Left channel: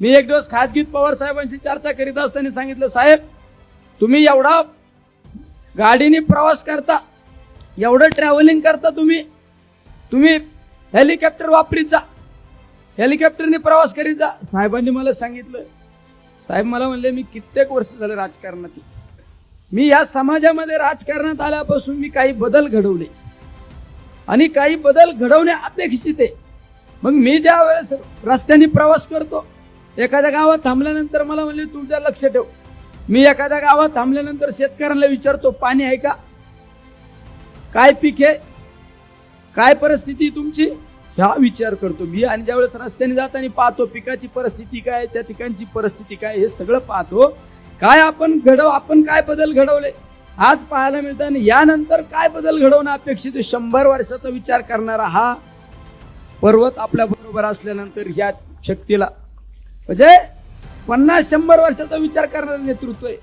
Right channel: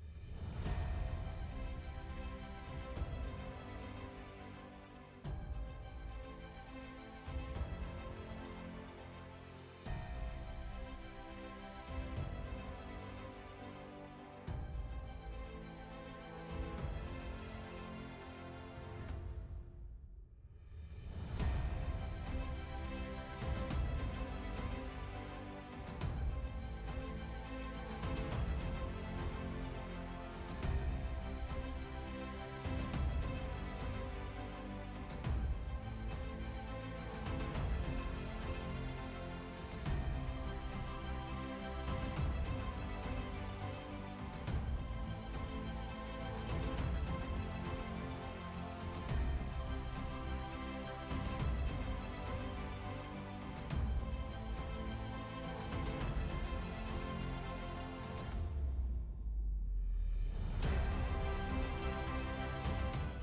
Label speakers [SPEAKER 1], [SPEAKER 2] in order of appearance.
[SPEAKER 1] मी एक दिवस खाजगीत पवार साहेबांशी चर्चा करीत असताना सांगितलं साहेब तुम्ही एवढा गाडीने प्रवास करता एवढं ट्रॅव्हलिंग करता तुम्ही तुम्ही हेलिकॉप्टर वापरीत जा हेलिकॉप्टरने प्रवास करीत जा. साहेबांनी मला सांगितलं साहेब मला म्हणले मी कित्येक वर्ष झालं राजकारणात मी या समाजामध्ये राजकारणात आल्यापासून मी काही बदल घडवले आणि काही बदल घडवणे अपेक्षित आहे. मग मी ज्या वेळेस रस्त्याने प्रवास करतो एखाद्या गावात थांबल्यानंतर मला म्हणले तुमच्या लक्ष ठेव. मी एखाद्या गावात थांबल्यानंतर शेतकऱ्यांना विचारतो पाणी आहे का? काय पीक आहे? काय परिस्थिती तुमची? हा विचार करतो मी. आणि ज्यावेळेस रस्त्याने जाताना पाहतो पिकाची परिस्थिती काय? त्या ठिकाणची परिस्थिती काय? हे सगळं पाहतो. काय आपण घडव आपण काय बदल घडवले? आज पाहायला मिळतं आणि यानंतर काय बदल घडवणं अपेक्षित शंभर वर्षाचा विचार करणारा हा पर्वत आपल्या बरोबर असल्यानंतर ह्या शक्तीला म्हणजे पन्नास शंभर वर्षाचा विचार करणारं नेतृत्व आहे.